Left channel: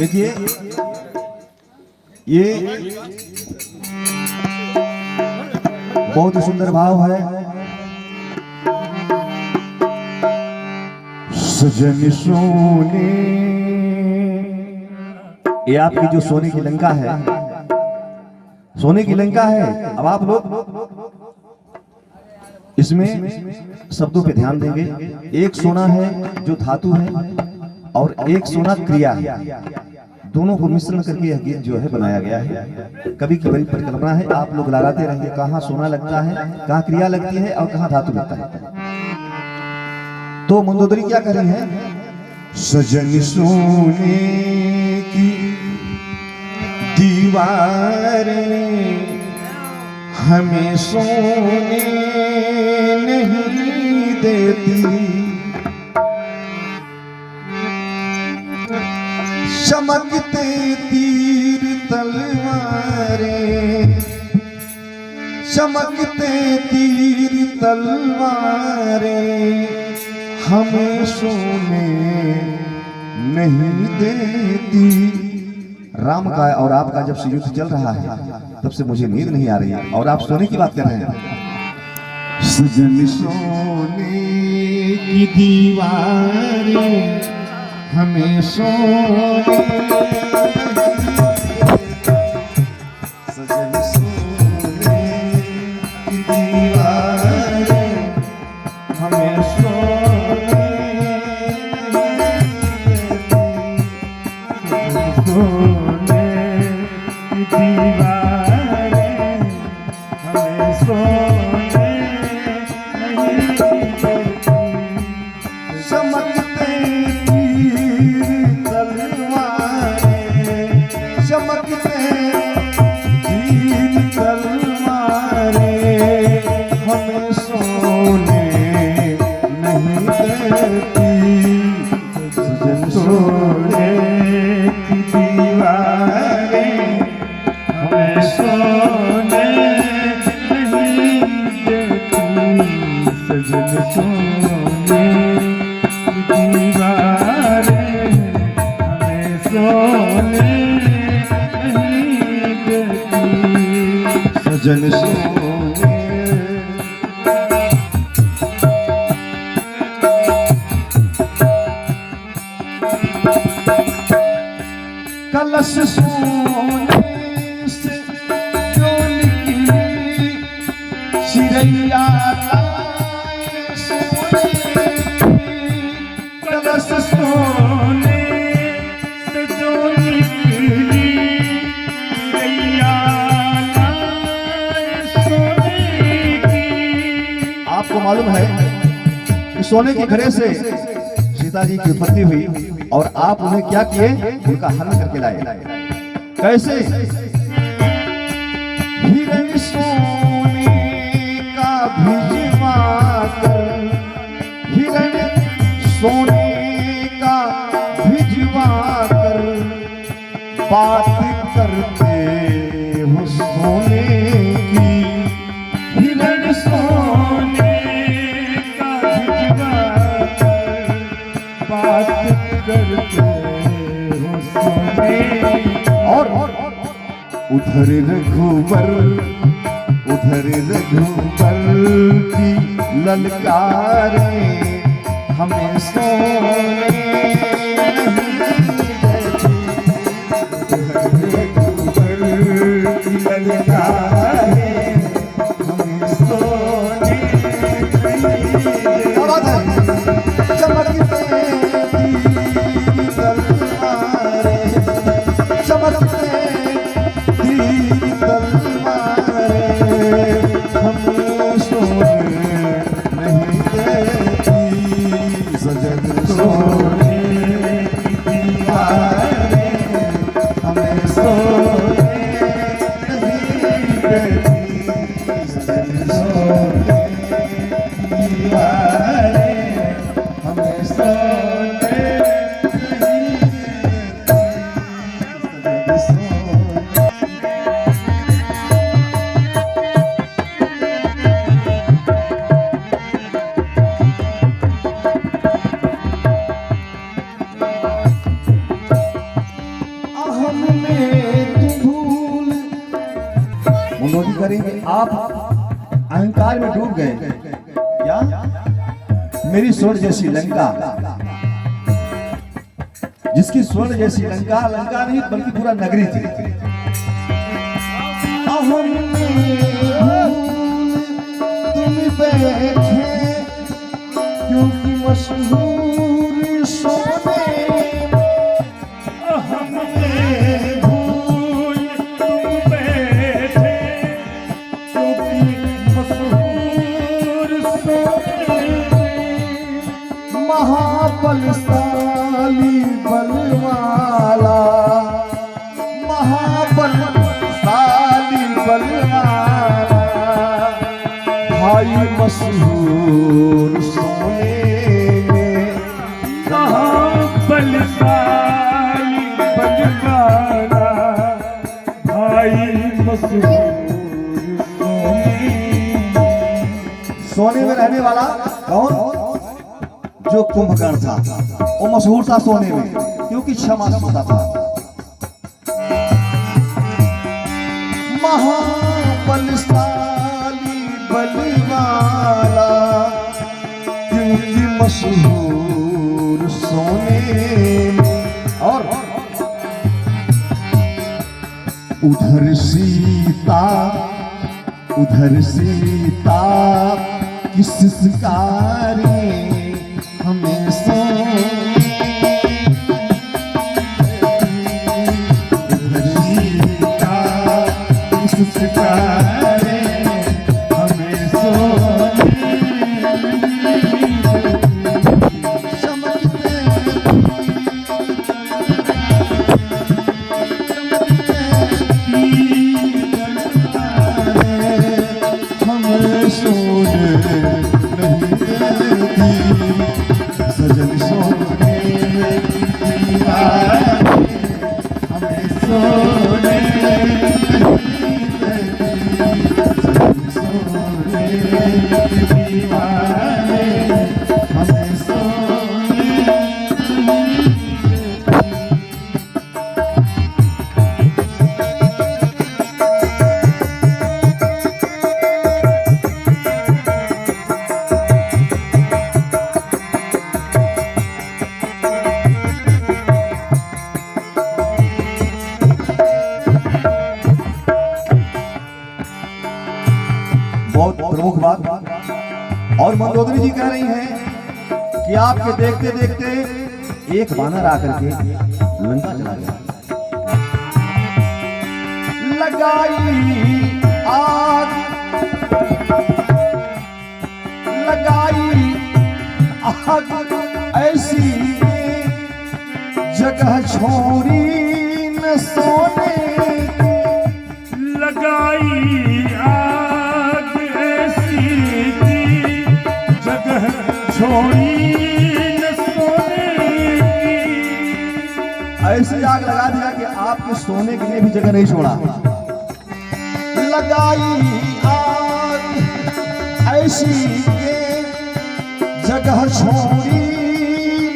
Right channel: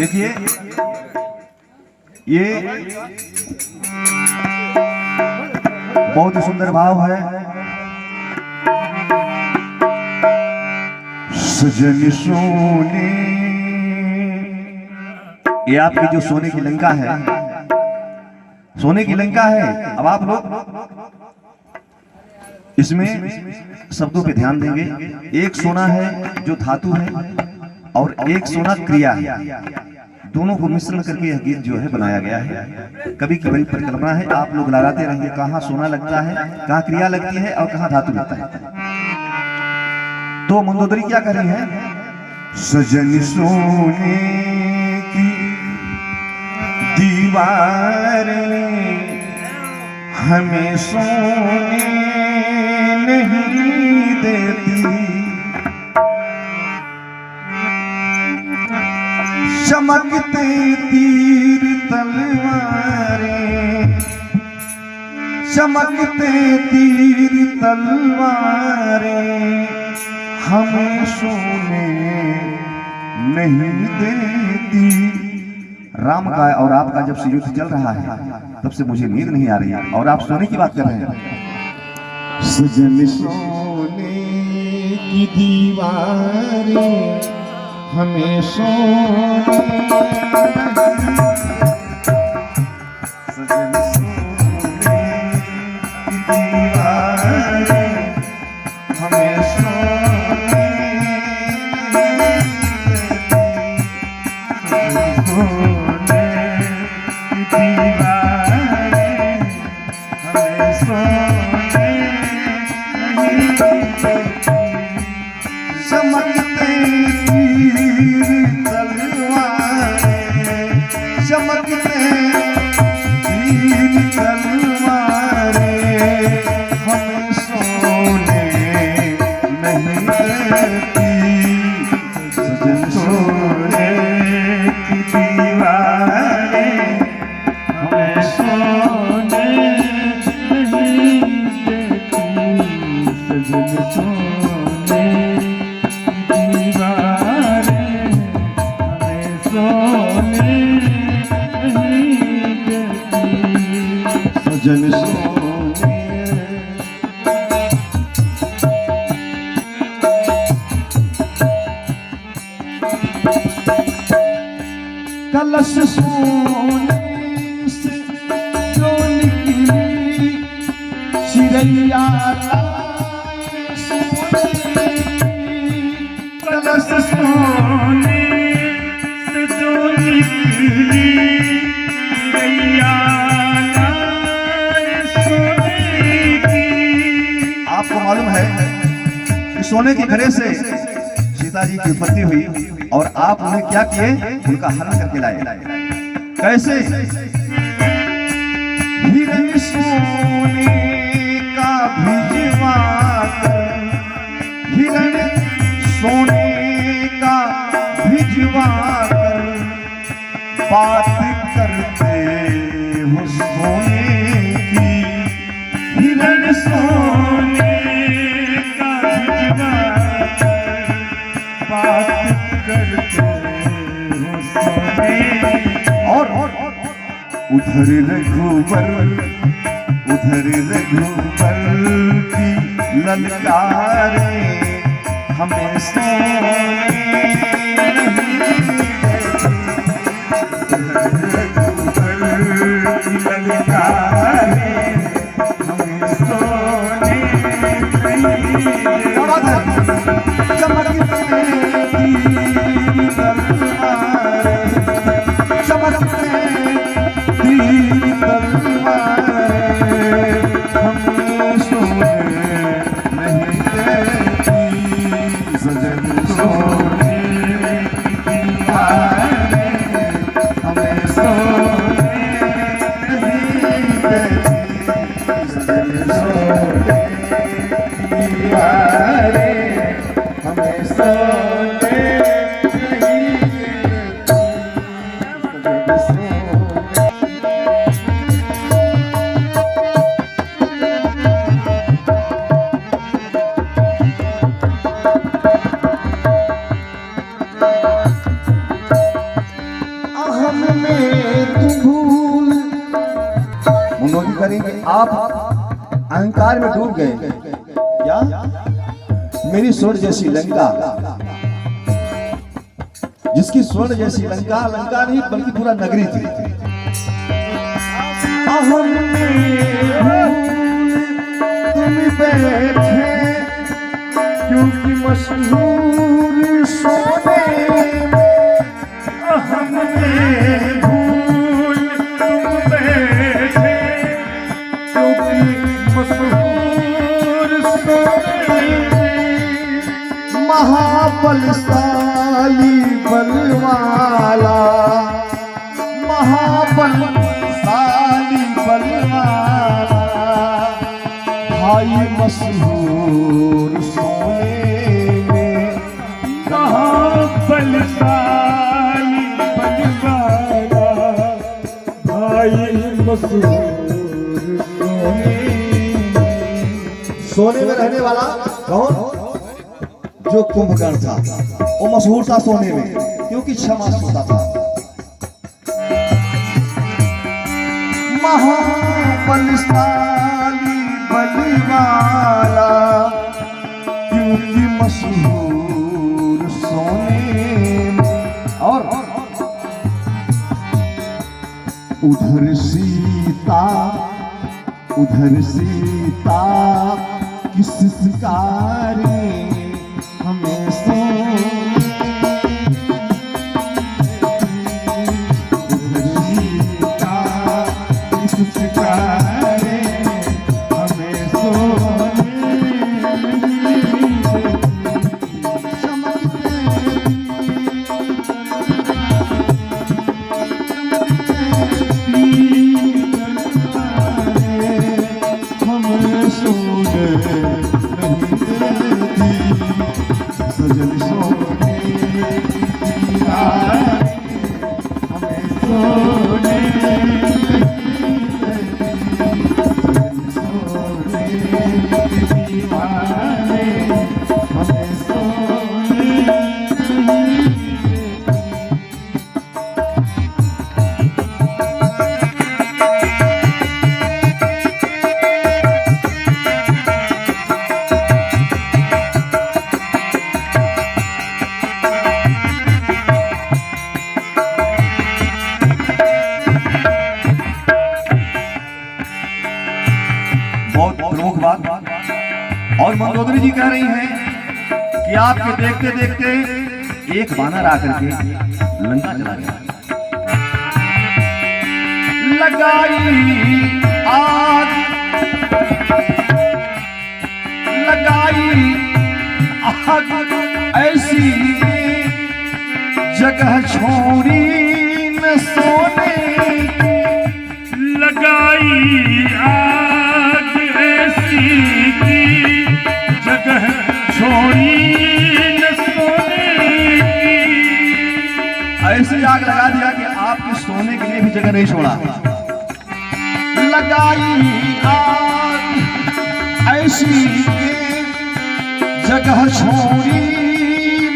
देखिए ये बहुत ही सुंदर भाव है। सजन सोने, ये आपकी जो सोने की लंका है, सोने की लंका है। अब आप लोग इसमें शब्दों पे ध्यान देंगे। एक सोना है जो धातु है और एक सोना क्रिया है, दोनों को मिश्रण करके यह गीत जो है बनाया गया है। कवि की बड़ी परिकल्पना है, आप लोग लहराते रहेंगे कहाँ सोना लगता है, कहाँ क्रिया लगती है और कहाँ धातु लगता है। तो मंदोदरी क्या कर रही है? सजन सोने की दीवार हमें सोने नहीं देती, चमकते तीर तलवारें, चमकते तीर तलवारें हमें सोने नहीं देती। राम का और आपका जब से युद्ध चल रहा है तब से मुझे नींद नहीं आ रही है और आप सोने की बात कर रहे हैं। सजन सोने की दीवारें हमें सोने, सजन सोने की दीवारें हमें सोने, सोने की दीवारें हमें सोने नहीं देती, चमकते तीर तलवारें, चमकते तीर तलवारें हमें सोने नहीं देती। सजन सोने की दीवारें हमें सोने नहीं देती, सजन सोने की दीवारें हमें सोने नहीं देती, सजन सोने। कलश सोने से जो निकली चिड़ैया लाए सोने की, कलश सोने से जो निकली चिड़ैया लाए सोने की। आपको मालूम है कि सोने के घड़े से सीता जी की उत्पत्ति हुई और आप उन्हें क्या किए? उनका हरण करके लाए। कैसे? हिरण सोने का भिजवा कर, हिरण सोने का भिजवा कर बात करते हो सोने की, हिरण सोने का भिजवा कर बात करते हो सोने। और उधर रघुवर, उधर रघुवर की ललकारे हमें सोने नहीं देती, उधर रघुवर की ललकारे हमें सोने नहीं देती, चमकते तीर तलवारें, चमकते तीर तलवारें हमें सोने नहीं देती, सजन सोने की दीवारें हमें सोने आप अहंकार में डूब गए क्या? मेरी स्वर्ण जैसी लंका, जिसकी स्वर्ण जैसी लंका, लंका नहीं बल्कि पूरा नगरी थी। तुम बैठे क्योंकि मशहूर सोने, महाबलशाली बलवाला, महाबलशाली बलवाला, भाई मशहूर सोने में, महाबलशाली बलवाला, भाई मशहूर सोने में रहने वाला कौन? जो कुंभकर्ण था, वो मशहूर था सोने में क्योंकि क्षमा सोता था। महाबलशाली बलवाला क्योंकि मशहूर सोने में। और उधर सीता, उधर सीता की सिसकारी हमें सोने, उधर सीता की सिसकारी हमें सोने, हमें सोने सजन सोने हमें सोने, सोने दीवाने हमें सोने। बहुत प्रमुख बात। और मंदोदरी जी कह रही हैं कि आपके देखते देखते एक वानर आकर के लंका चला गया। लगाई आग, लगाई आग ऐसी जगह छोड़ी न सोने, लगाई छोड़ी न सोने की। ऐसी आग लगा दिया कि आपके सोने के लिए भी जगह नहीं छोड़ा। लगाई आग ऐसी जगह छोड़ी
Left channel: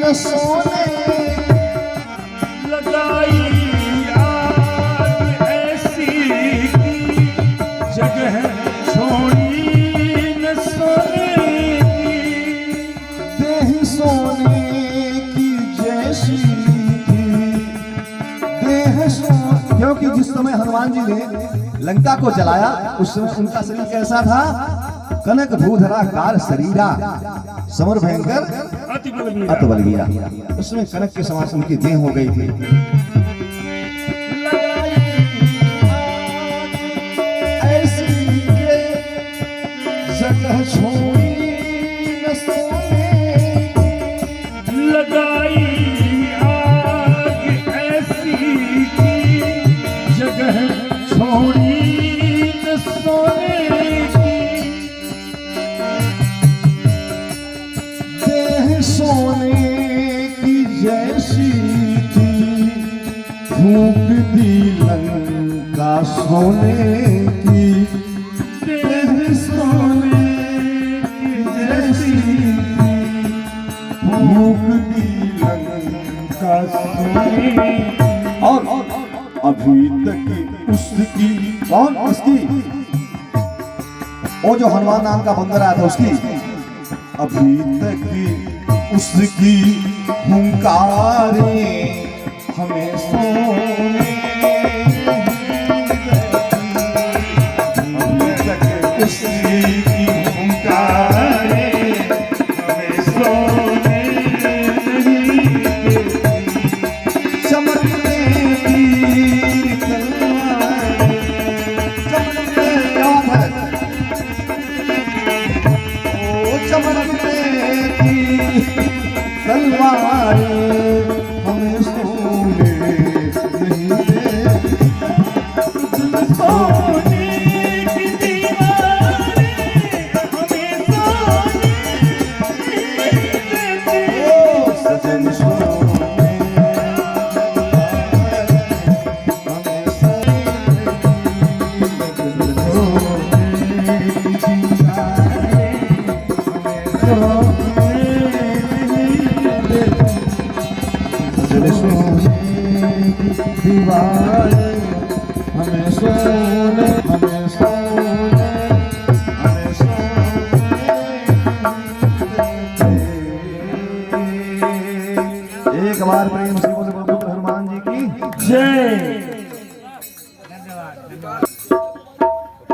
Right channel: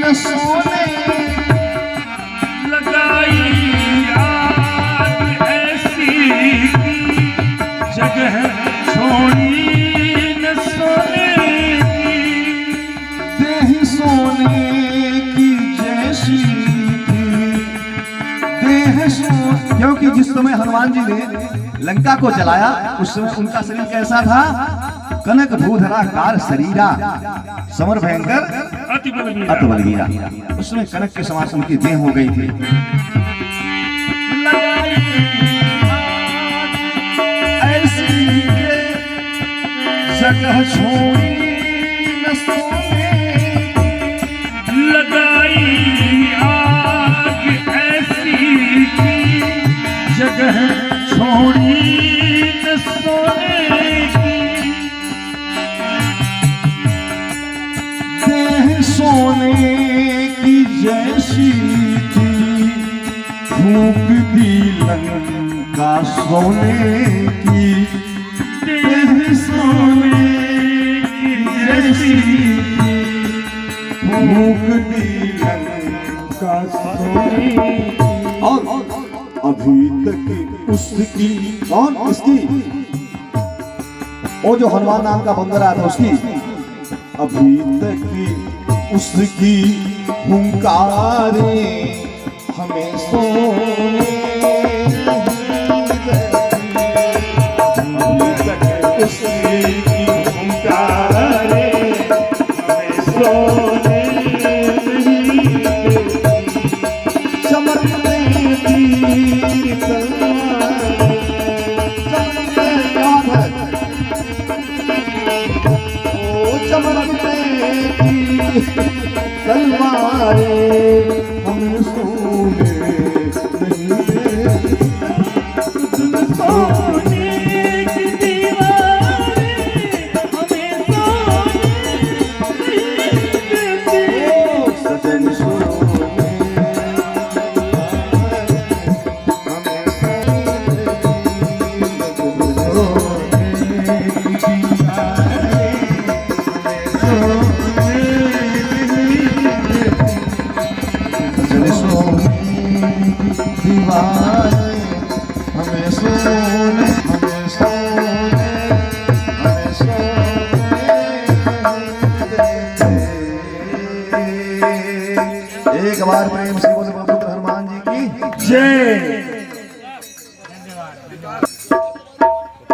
न सोने, लगाई आग ऐसी जगह छोड़ी न सोने, सोने की जैसी थी देह सोने। क्योंकि जिस समय हनुमान जी ने लंका को जलाया उस समय उनका शरीर कैसा था? कनक भूधराकार शरीरा समर भयंकर अति बलवीरा। उस समय कनक के समान उनकी देह हो गई थी। ऐसी जगह छोड़ी न सोने, लगाई आग ऐसी जगह छोड़ी न सोने की। देह सोने की जैसी थी, फूंक दी लंका सोने की। देह सोने की जैसी फूंक दी लंका सोने। और अभी तक उसकी, कौन उसकी? वो जो हनुमान नाम का बंदर आया था उसकी अभी तक उसकी हुंकारे हमें सोने उसकी हुंकारे हमें सोने चमकते तीर तलवारें, चमकते ओ चमकते तीर तलवारें हमें सोने नहीं देती। सोने की दीवारें हमें सोने नहीं देती। ओ सजन सोने हमें दीवार हमें सोने हमें सोने हमें सोने एक बार प्रेम से बोले बाबू हनुमान जी की जय।